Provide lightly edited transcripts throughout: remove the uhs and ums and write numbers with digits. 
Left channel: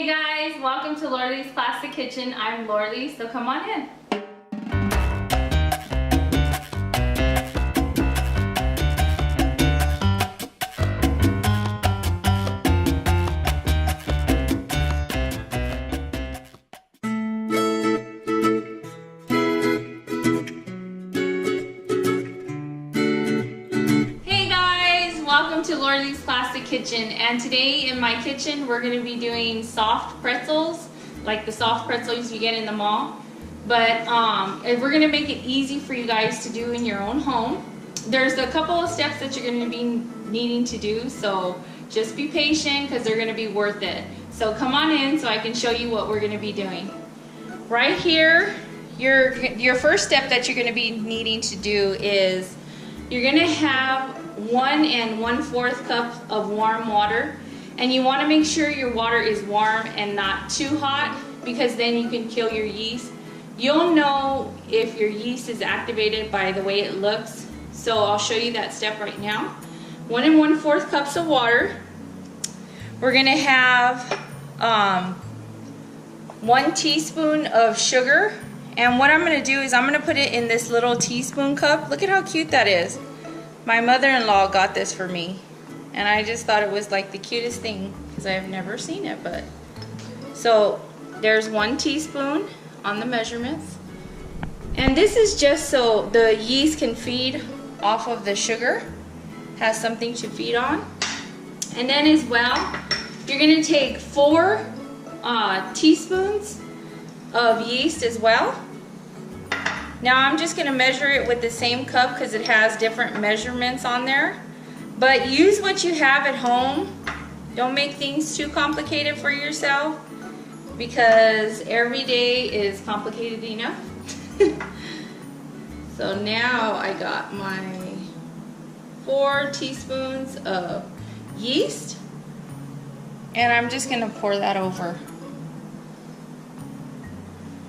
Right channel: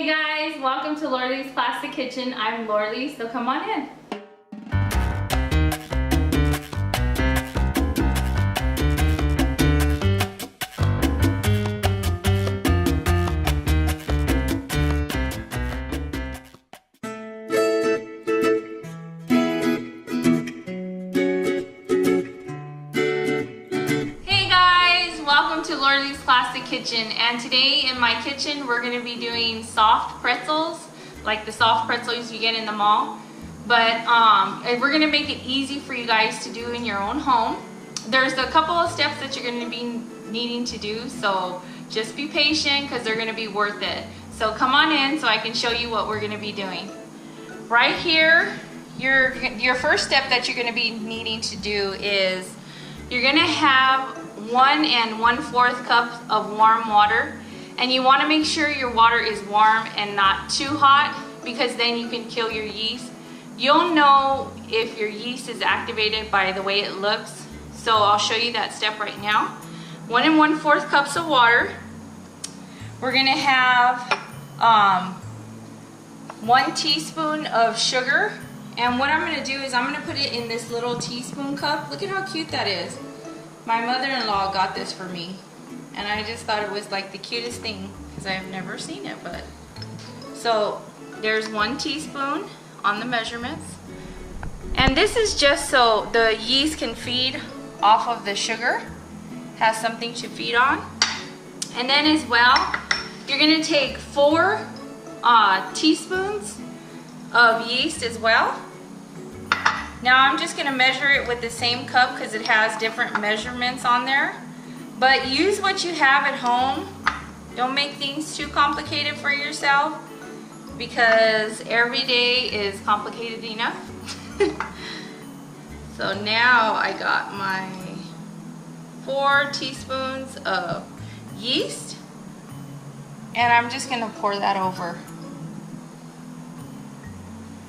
Hey guys, welcome to Lorley's Plastic Kitchen. I'm Lorley, so come on in. Welcome to Lorley's Plastic Kitchen, and today in my kitchen we're going to be doing soft pretzels, like the soft pretzels you get in the mall, but we're going to make it easy for you guys to do in your own home. There's a couple of steps that you're going to be needing to do, so just be patient because they're going to be worth it. So come on in so I can show you what we're going to be doing. Right here, your first step that you're going to be needing to do is you're going to have 1 1/4 cups of warm water, and you want to make sure your water is warm and not too hot, because then you can kill your yeast. You'll know if your yeast is activated by the way it looks, so I'll show you that step right now. 1 1/4 cups of water. We're going to have 1 teaspoon of sugar, and what I'm going to do is I'm going to put it in this little teaspoon cup. Look at how cute that is. My mother-in-law got this for me, and I just thought it was like the cutest thing because I have never seen it. But so there's 1 teaspoon on the measurements, and this is just so the yeast can feed off of the sugar, has something to feed on. And then as well, you're going to take 4 teaspoons of yeast as well. Now I'm just going to measure it with the same cup because it has different measurements on there. But use what you have at home. Don't make things too complicated for yourself, because every day is complicated enough. So now I got my 4 teaspoons of yeast, and I'm just going to pour that over.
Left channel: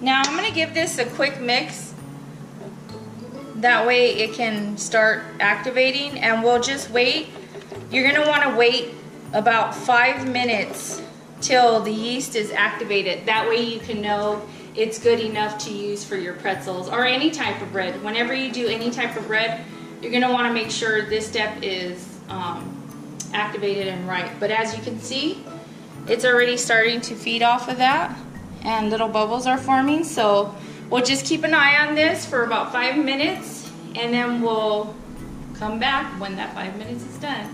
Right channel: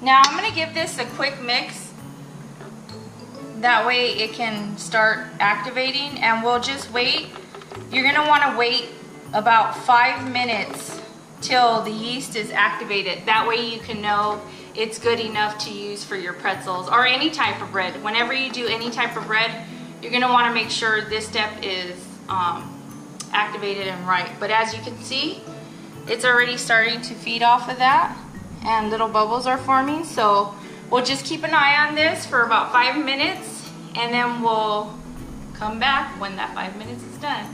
Now I'm going to give this a quick mix. That way it can start activating, and we'll just wait. You're gonna wanna wait about 5 minutes till the yeast is activated. That way you can know it's good enough to use for your pretzels or any type of bread. Whenever you do any type of bread, you're gonna wanna make sure this step is activated and right. But as you can see, it's already starting to feed off of that, and little bubbles are forming. So we'll just keep an eye on this for about 5 minutes, and then we'll come back when that 5 minutes is done.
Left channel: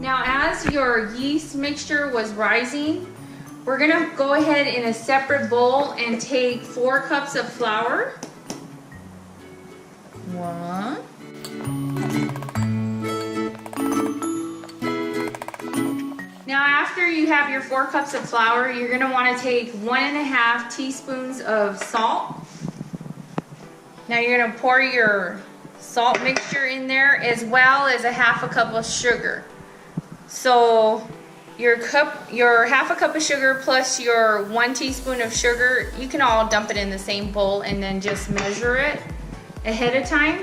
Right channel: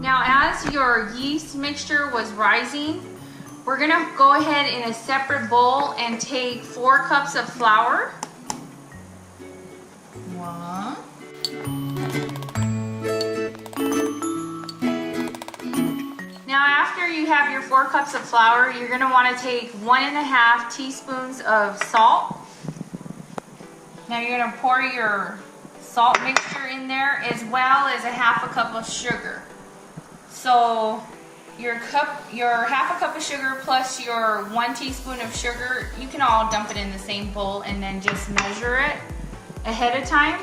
Now, as your yeast mixture was rising, we're gonna go ahead in a separate bowl and take 4 cups of flour. 1. Now after you have your 4 cups of flour, you're going to want to take 1 1/2 teaspoons of salt. Now you're going to pour your salt mixture in there, as well as a 1/2 cup of sugar. So your 1/2 cup of sugar plus your 1 teaspoon of sugar, you can all dump it in the same bowl and then just measure it ahead of time.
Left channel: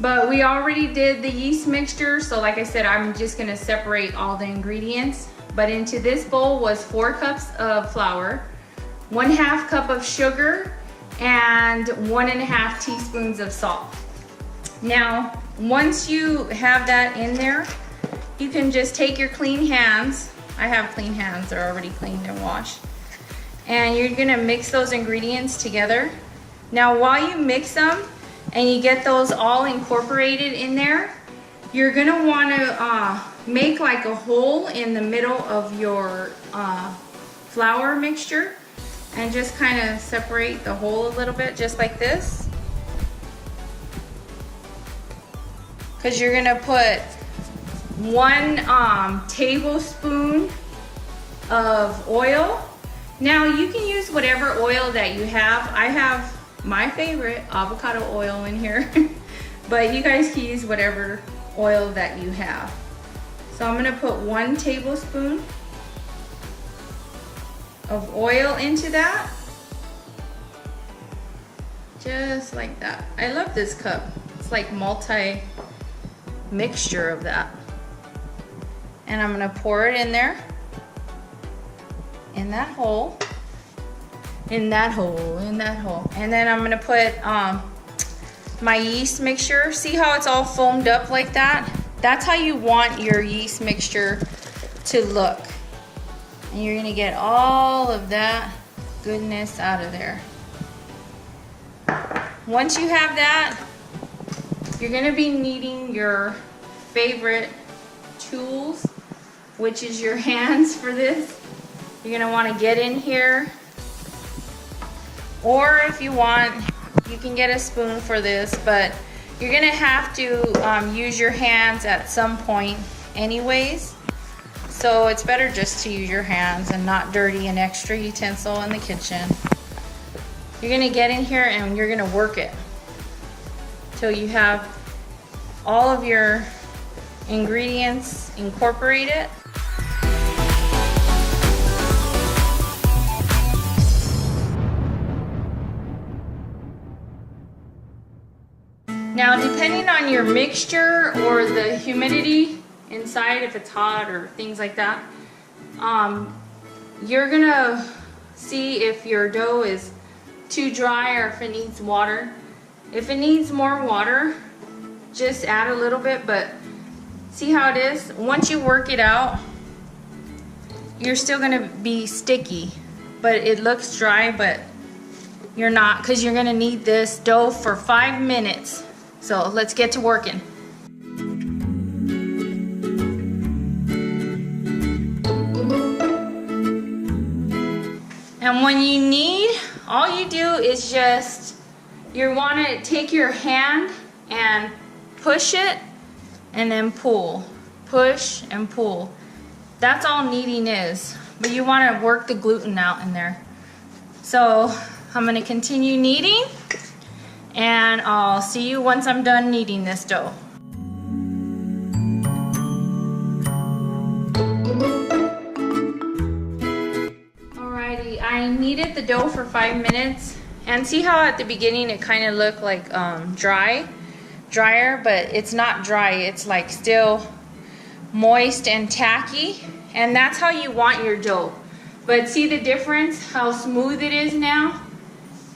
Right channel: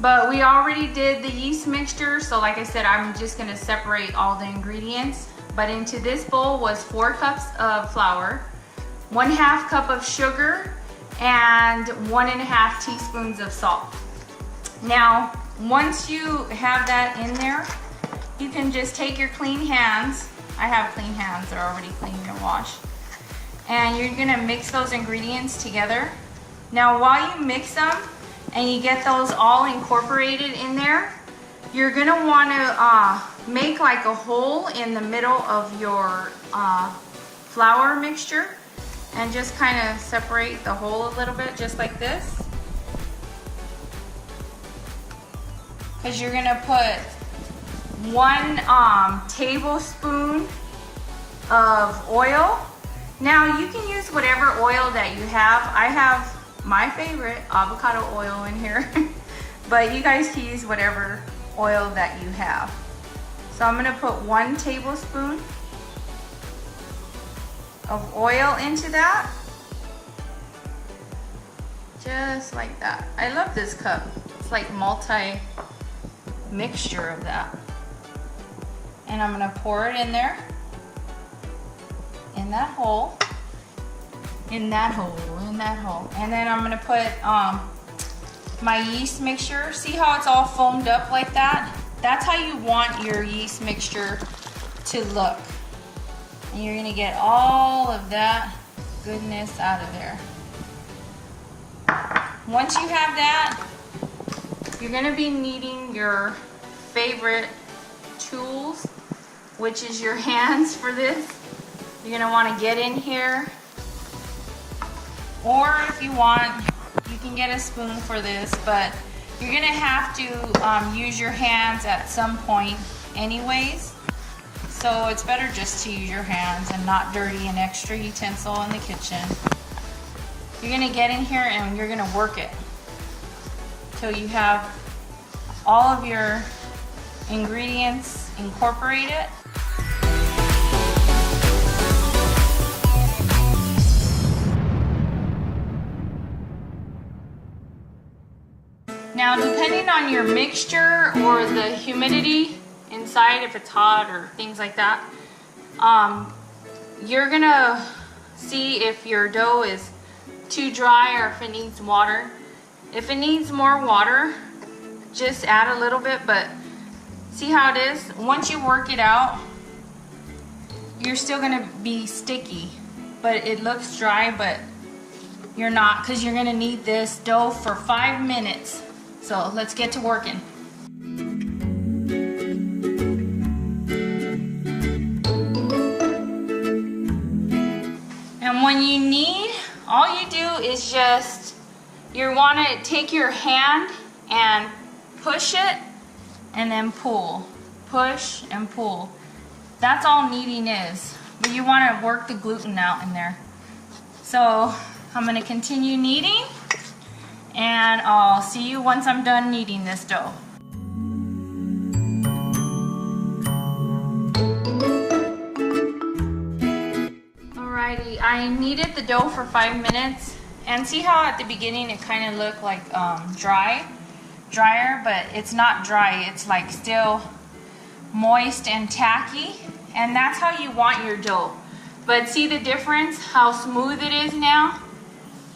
But we already did the yeast mixture, so like I said, I'm just gonna separate all the ingredients. But into this bowl was 4 cups of flour, 1/2 cup of sugar, and 1 1/2 teaspoons of salt. Now, once you have that in there, you can just take your clean hands. I have clean hands, they're already cleaned and washed. And you're gonna mix those ingredients together. Now, while you mix them, and you get those all incorporated in there, you're gonna wanna make like a hole in the middle of your flour mixture, and just kind of separate the hole a little bit, just like this. Because you're gonna put 1 tablespoon of oil. Now you can use whatever oil that you have. I have my favorite avocado oil in here, but you guys can use whatever oil that you have. So I'm gonna put 1 tablespoon of oil into that. Just like that. I love this cup. It's like multi-mixture of that. And I'm gonna pour it in there. In that hole. In that hole, in that hole. And then I'm gonna put my yeast mixture. See how it's all foamed up like that? That's how you want your yeast mixture to look. And you're gonna get all of that goodness out of there. Once you have that, you're gonna be needing your favorite tools, which is your hands for this. You're gonna wanna get in here, or if you want, you can get a spoon for this, but you're gonna have to use your hands at some point anyways. So it's better just to use your hands and not dirty an extra utensil in the kitchen. You're gonna get in here and you're gonna work it till you have all of your ingredients incorporated. Now, depending on your mixture or the humidity inside, if it's hot or things like that, you're gonna see if your dough is too dry or if it needs water. If it needs more water, just add a little bit, but see how it is? Once you work it out, you're still gonna be sticky, but it looks dry, but you're not, because you're gonna need this dough for 5 minutes. So let's get to working. And when you need, all you do is just, you want to take your hand and push it and then pull. Push and pull. That's all kneading is. But you want to work the gluten out in there. So I'm going to continue kneading, and I'll see you once I'm done kneading this dough. Alrighty, I kneaded the dough for 5 minutes, and see how at the beginning it kind of looked like drier, but it's not dry. It's like still moist and tacky, and that's how you want your dough. But see the difference, how smooth it is now?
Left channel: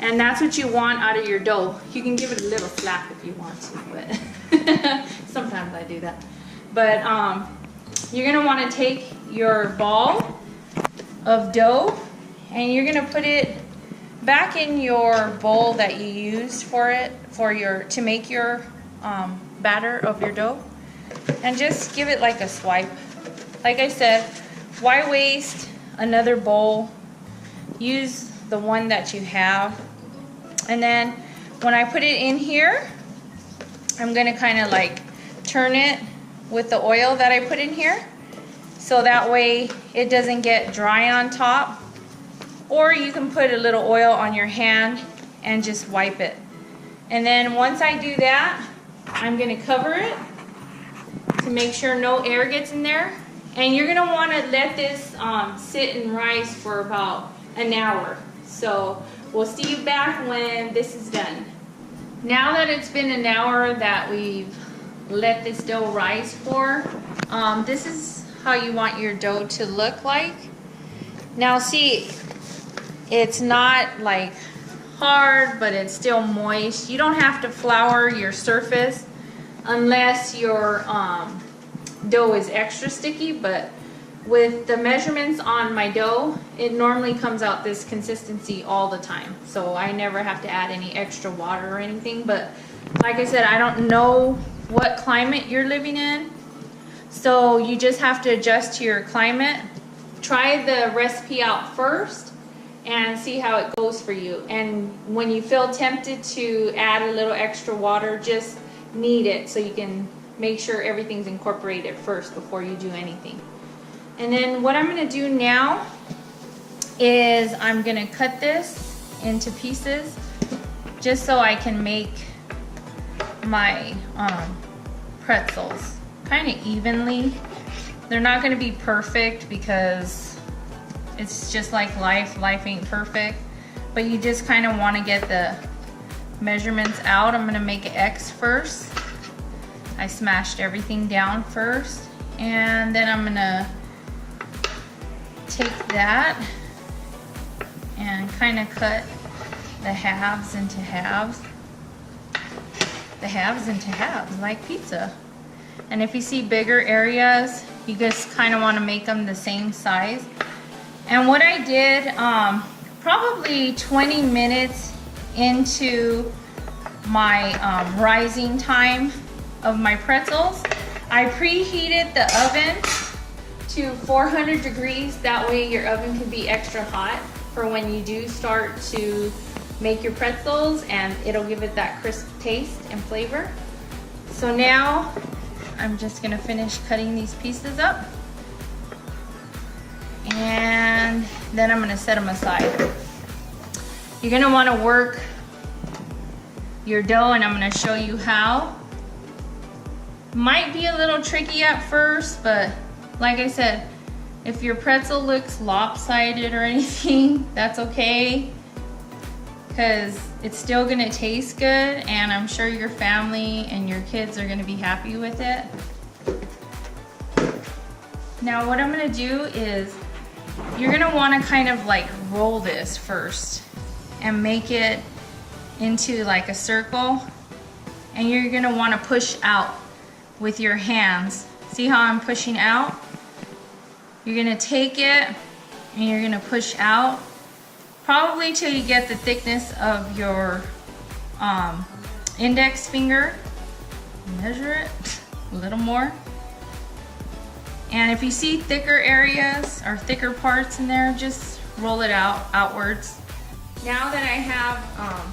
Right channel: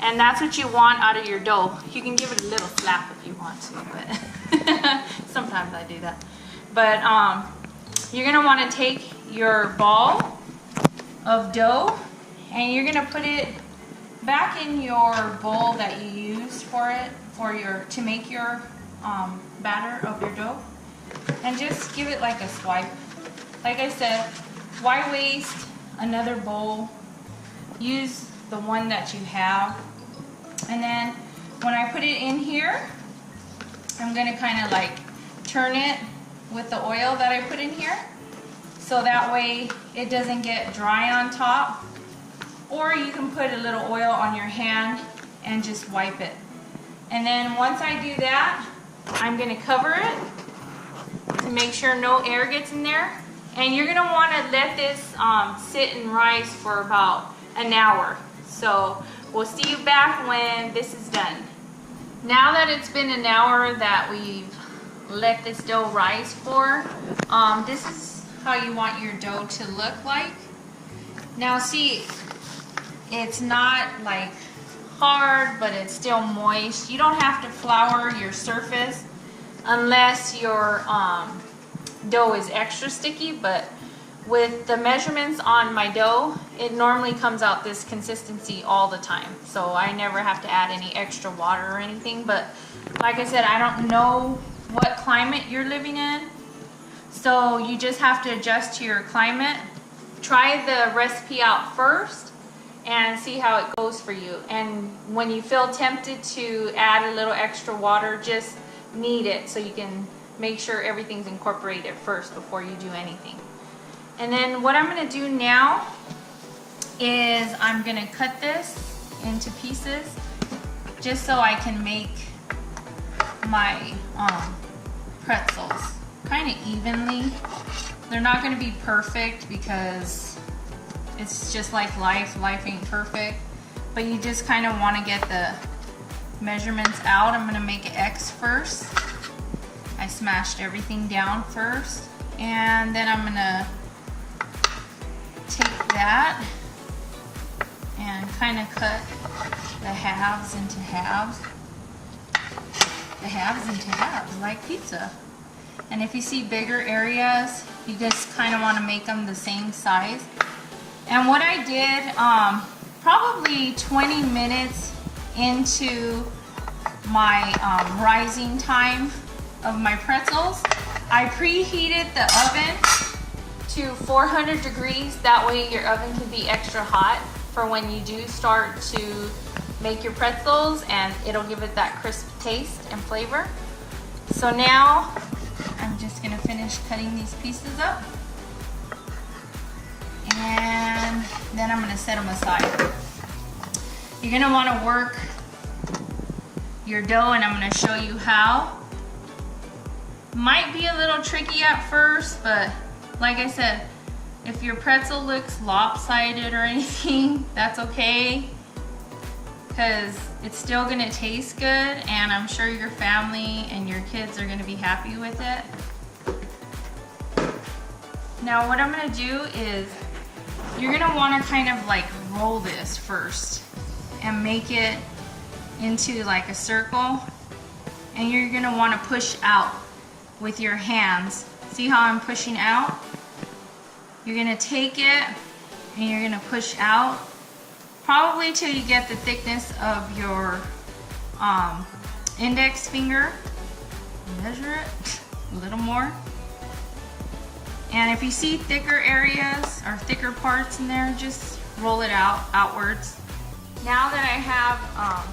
And that's what you want out of your dough. You can give it a little slap if you want to, but sometimes I do that. But you're gonna wanna take your ball of dough and you're gonna put it back in your bowl that you used to make your batter of your dough, and just give it like a swipe. Like I said, why waste another bowl? Use the one that you have. And then when I put it in here, I'm gonna kind of like turn it with the oil that I put in here, so that way it doesn't get dry on top. Or you can put a little oil on your hand and just wipe it. And then once I do that, I'm gonna cover it to make sure no air gets in there. And you're gonna wanna let this sit and rise for about an hour. So we'll see you back when this is done. Now that it's been an hour that we've let this dough rise for, this is how you want your dough to look like. Now see, it's not like hard, but it's still moist. You don't have to flour your surface unless your dough is extra sticky, but with the measurements on my dough, it normally comes out this consistency all the time. So I never have to add any extra water or anything. But like I said, I don't know what climate you're living in. So you just have to adjust to your climate. Try the recipe out first and see how it goes for you. And when you feel tempted to add a little extra water, just knead it so you can make sure everything's incorporated first before you do anything. And then what I'm gonna do now is I'm gonna cut this into pieces just so I can make my pretzels kind of evenly. They're not gonna be perfect because it's just like life ain't perfect, but you just kind of want to get measurements out. I'm gonna make an X first. I smashed everything down first, and then I'm gonna take that and kind of cut the halves into halves. The halves into halves, like pizza. And if you see bigger areas, you just kind of want to make them the same size. And what I did, probably 20 minutes into my rising time of my pretzels, I preheated the oven to 400 degrees. That way your oven can be extra hot for when you do start to make your pretzels, and it'll give it that crisp taste and flavor. So now I'm just gonna finish cutting these pieces up, and then I'm gonna set them aside. You're gonna wanna work your dough, and I'm gonna show you how. Might be a little tricky at first, but like I said, if your pretzel looks lopsided or anything, that's okay, because it's still gonna taste good, and I'm sure your family and your kids are gonna be happy with it. Now what I'm gonna do is, you're gonna wanna kind of like roll this first and make it into like a circle, and you're gonna wanna push out with your hands. See how I'm pushing out? You're gonna take it and you're gonna push out, probably till you get the thickness of your index finger. Measure it a little more. And if you see thicker areas or thicker parts in there, just roll it outwards. Now that I have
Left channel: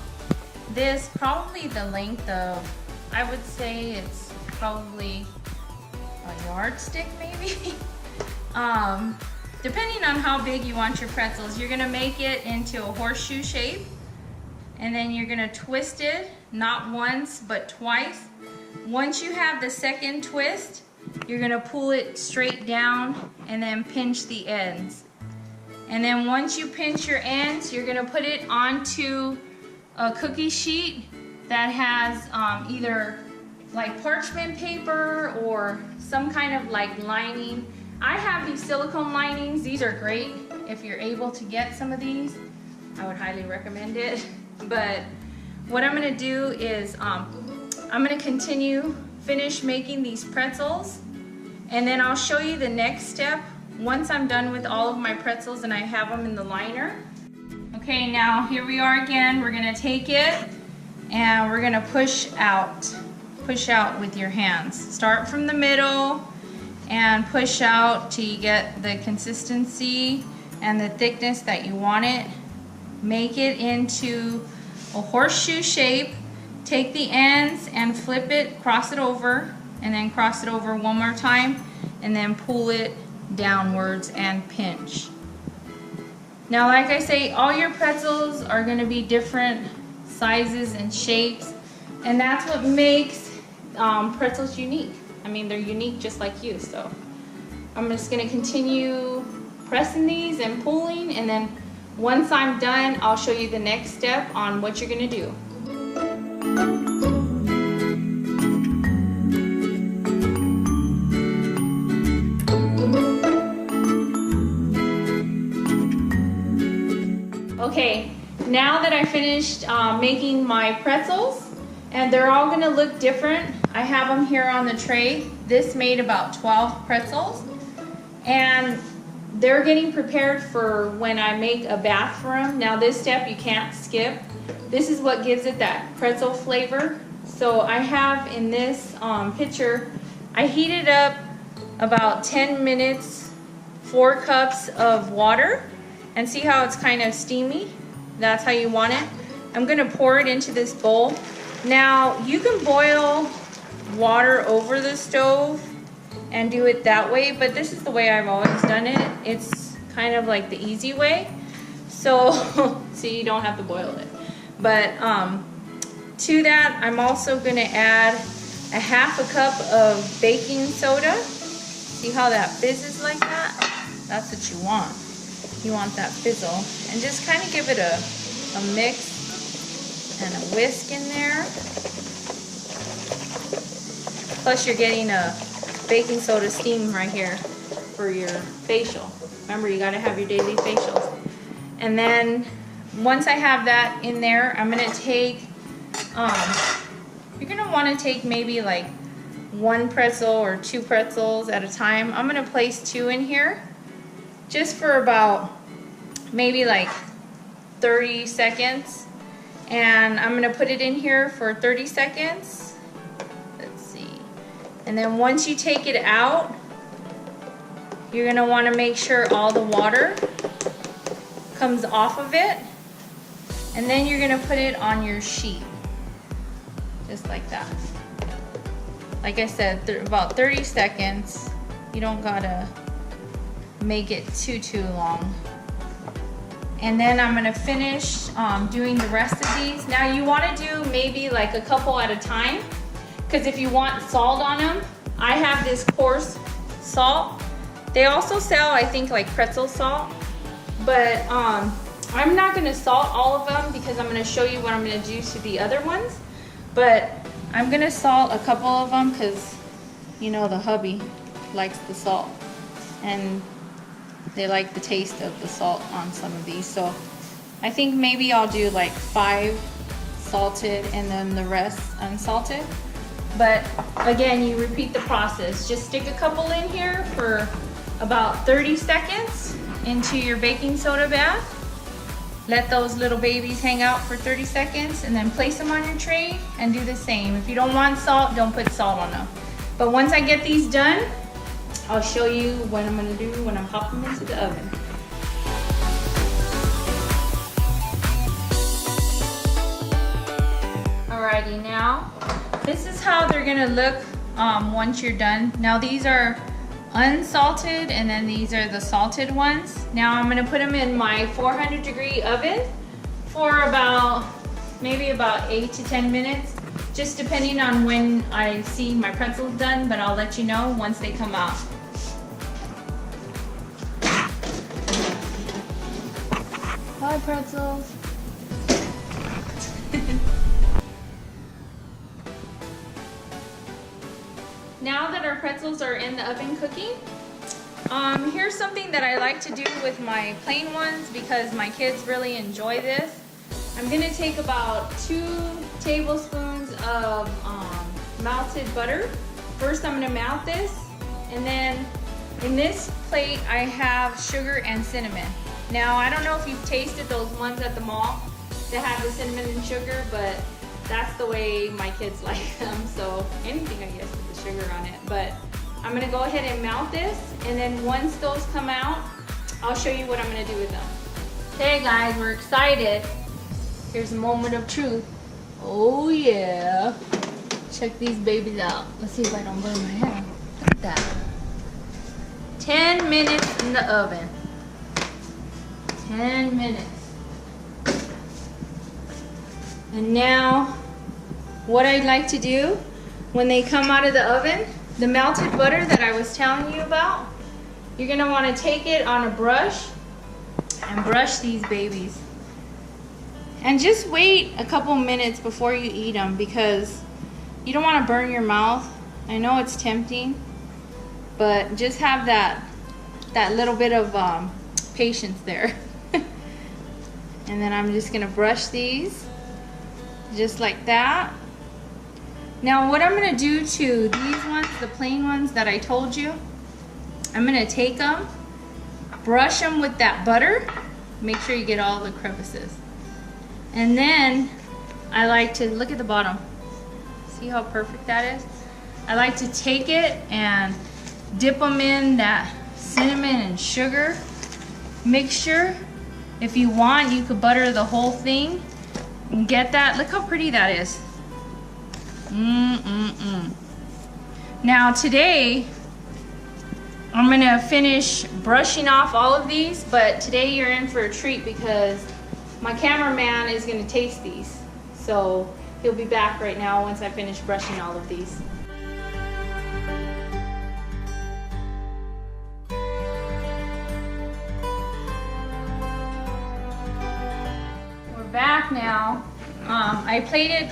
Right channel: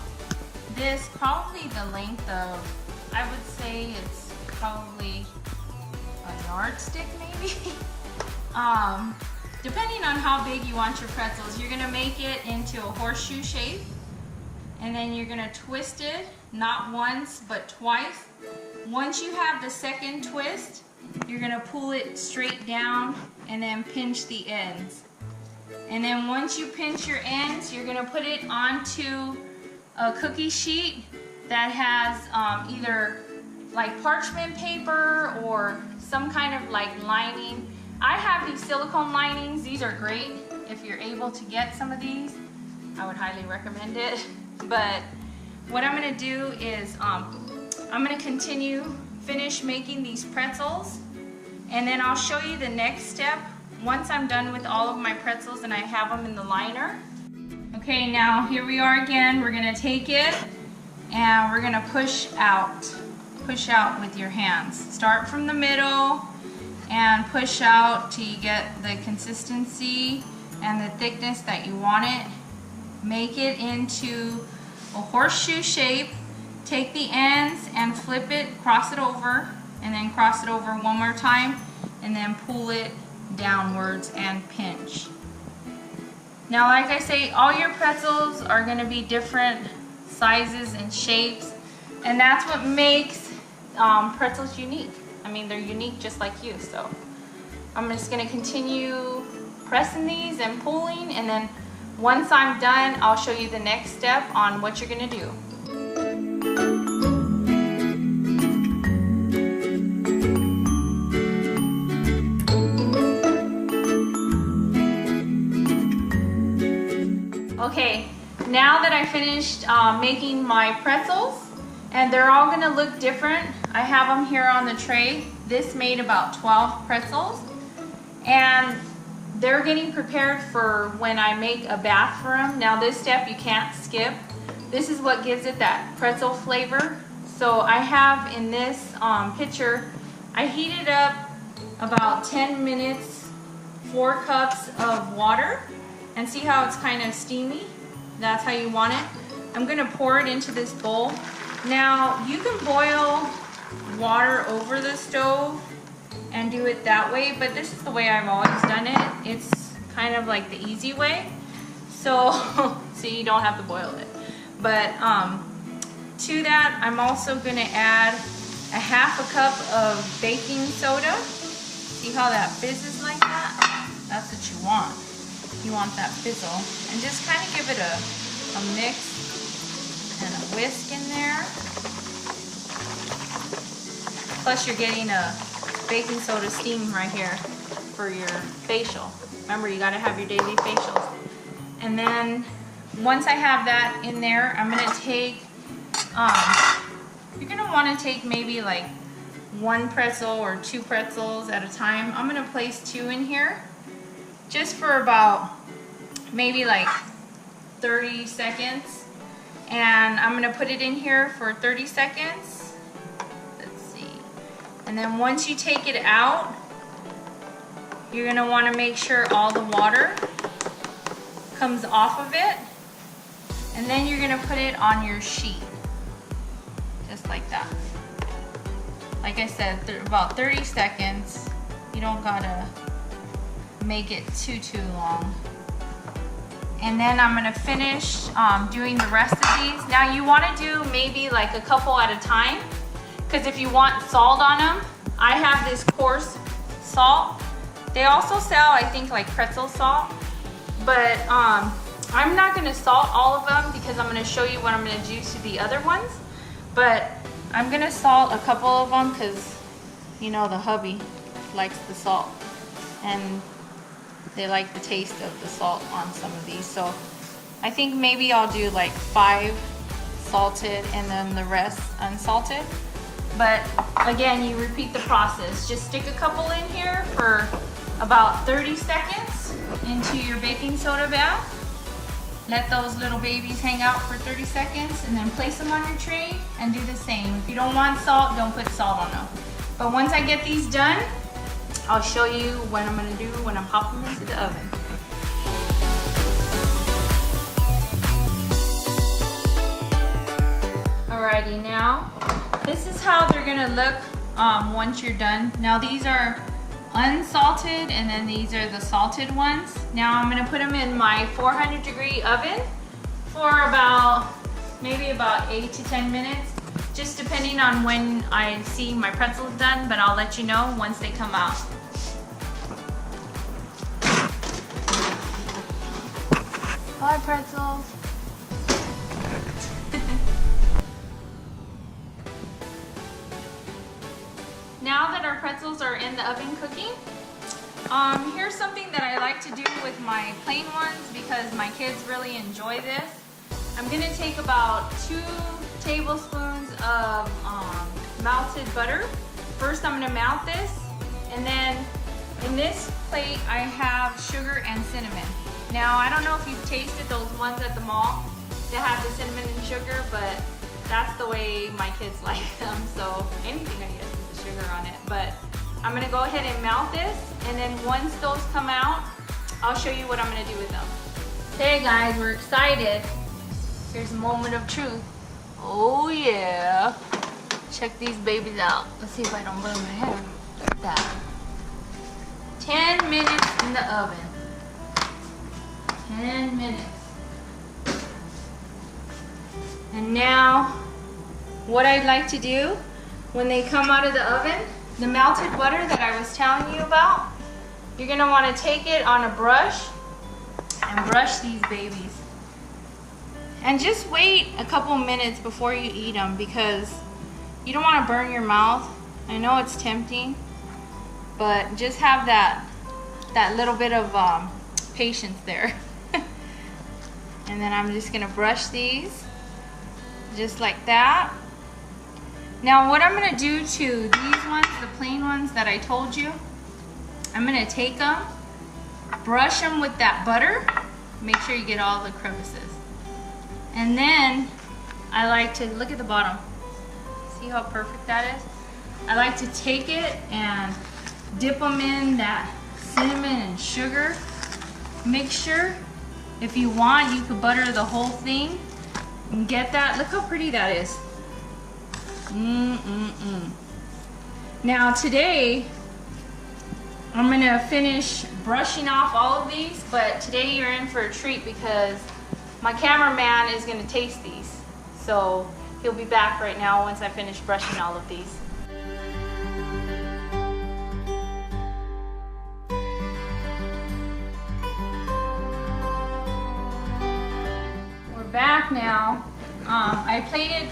this, probably the length of, I would say it's probably a yardstick maybe. Depending on how big you want your pretzels, you're gonna make it into a horseshoe shape, and then you're gonna twist it, not once, but twice. Once you have the second twist, you're gonna pull it straight down and then pinch the ends. And then once you pinch your ends, you're gonna put it onto a cookie sheet that has either like parchment paper or some kind of like lining. I have these silicone linings. These are great if you're able to get some of these. I would highly recommend it. But what I'm gonna do is I'm gonna finish making these pretzels, and then I'll show you the next step once I'm done with all of my pretzels and I have them in the liner. Okay, now here we are again. We're gonna take it and we're gonna push out with your hands. Start from the middle and push out till you get the consistency and the thickness that you want it. Make it into a horseshoe shape. Take the ends and flip it, cross it over, and then cross it over one more time, and then pull it downwards and pinch. Now, like I say, all your pretzels are gonna be different sizes and shapes, and that's what makes pretzels unique. I mean, they're unique just like you. So I'm just gonna continue pressing these and pulling, and then once I'm done, I'll show you the next step on what you're gonna do. Okay, now that I finished making my pretzels, and they're all gonna look different. I have them here on the tray. This made about 12 pretzels, and they're getting prepared for when I make a bath for them. Now this step you can't skip. This is what gives it that pretzel flavor. So I have in this pitcher, I heated up about 10 minutes, 4 cups of water, and see how it's kind of steamy? That's how you want it. I'm gonna pour it into this bowl. Now, you can boil water over the stove and do it that way, but this is the way I've always done it. It's kind of like the easy way. So, so you don't have to boil it. But to that, I'm also gonna add a half a cup of baking soda. See how that fizzes like that? That's what you want. You want that fizzle. And just kind of give it a mix and a whisk in there. Plus you're getting a baking soda steam right here for your facial. Remember, you gotta have your daily facials. And then once I have that in there, I'm gonna take, you're gonna wanna take maybe like 1 pretzel or 2 pretzels at a time. I'm gonna place 2 in here just for about maybe like 30 seconds. And I'm gonna put it in here for 30 seconds. Let's see. And then once you take it out, you're gonna wanna make sure all the water comes off of it. And then you're gonna put it on your sheet, just like that. Like I said, about 30 seconds. You don't gotta make it too long. And then I'm gonna finish doing the rest of these. Now you wanna do maybe like a couple at a time, because if you want salt on them, I have this coarse salt. They also sell, I think, like pretzel salt, but I'm not gonna salt all of them because I'm gonna show you what I'm gonna do to the other ones. But I'm gonna salt a couple of them because, you know, the hubby likes the salt and they like the taste of the salt on some of these. So I think maybe I'll do like 5 salted and then the rest unsalted. But again, you repeat the process. Just stick a couple in here for about 30 seconds into your baking soda bath. Let those little babies hang out for 30 seconds and then place them on your tray and do the same. If you don't want salt, don't put salt on them. But once I get these done, I'll show you what I'm gonna do when I'm popping them into the oven. Alrighty, now this is how they're gonna look once you're done. Now these are unsalted and then these are the salted ones. Now I'm gonna put them in my 400-degree oven for maybe about 8 to 10 minutes, just depending on when I see my pretzels done, but I'll let you know once they come out. Bye, pretzels. Now that our pretzels are in the oven cooking, here's something that I like to do with my plain ones because my kids really enjoy this. I'm gonna take about 2 tablespoons of melted butter. First I'm gonna melt this, and then in this plate I have sugar and cinnamon. Now I don't know if you've tasted those ones at the mall that have the cinnamon and sugar, but that's the way my kids like them. So anything, I guess, with the sugar on it. But I'm gonna go ahead and melt this, and then once those come out, I'll show you what I'm gonna do with them. Okay guys, we're excited. Here's a moment of truth. Oh yeah. Check these babies out. Let's see if I don't burn my hand. Look at that. 10 minutes in the oven. 10 minutes. And now, what I'd like to do when they come out of the oven, the melted butter that I was telling you about, you're gonna wanna take it on a brush and brush these babies. And just wait a couple minutes before you eat them because you don't wanna burn your mouth. I know it's tempting, but just have that little bit of patience there. And then I'm just gonna brush these just like that. Now what I'm gonna do to these ones, the plain ones that I told you, I'm gonna take them, brush them with that butter, make sure you get all the crevices. And then I like to, look at the bottom. See how perfect that is? I like to take it and dip them in that cinnamon and sugar mixture. If you want, you could butter the whole thing and get that. Look how pretty that is. Now today, I'm gonna finish brushing off all of these, but today you're in for a treat because my cameraman is gonna taste these. So he'll be back right now once I finish brushing all of these. We're back now. I plated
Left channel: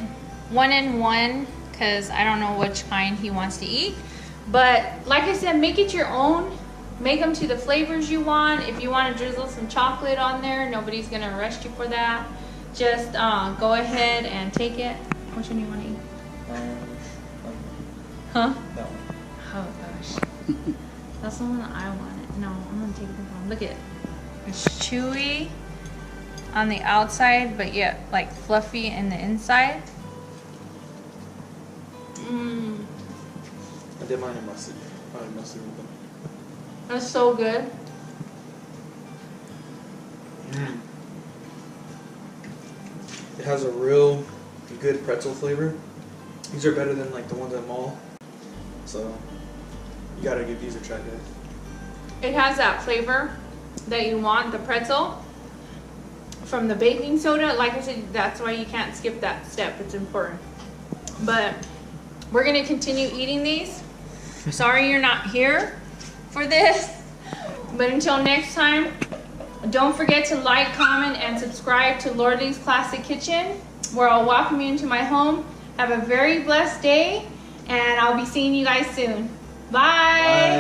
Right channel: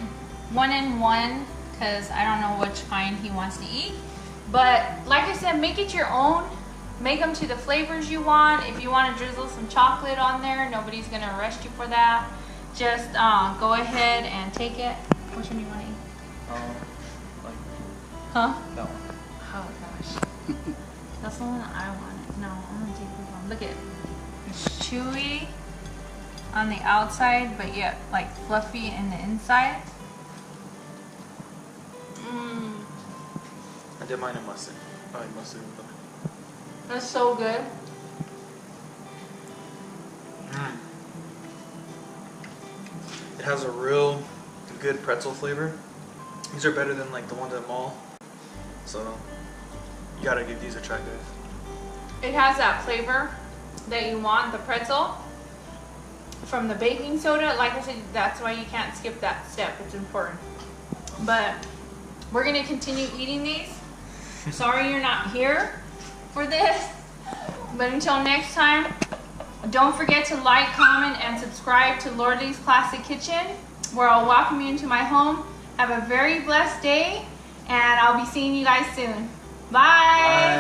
1 and 1 because I don't know which kind he wants to eat. But like I said, make it your own. Make them to the flavors you want. If you want to drizzle some chocolate on there, nobody's going to arrest you for that. Just go ahead and take it. Which one do you want to eat? Like huh? that one. Oh gosh. That's the one that I wanted. No, I'm going to take this one. Look at it. It's chewy on the outside, but yet like fluffy in the inside. Mmm. I did mine in mustard. I like mustard with them. That's so good. Mm. It has a real good pretzel flavor. These are better than like the ones at the mall. So you gotta give these a try, guys. It has that flavor that you want, the pretzel from the baking soda. Like I said, that's why you can't skip that step. It's important. But we're gonna continue eating these. Sorry you're not here for this, but until next time, don't forget to like, comment, and subscribe to Lordly's Classic Kitchen, where I'll welcome you into my home. Have a very blessed day, and I'll be seeing you guys soon. Bye. Bye.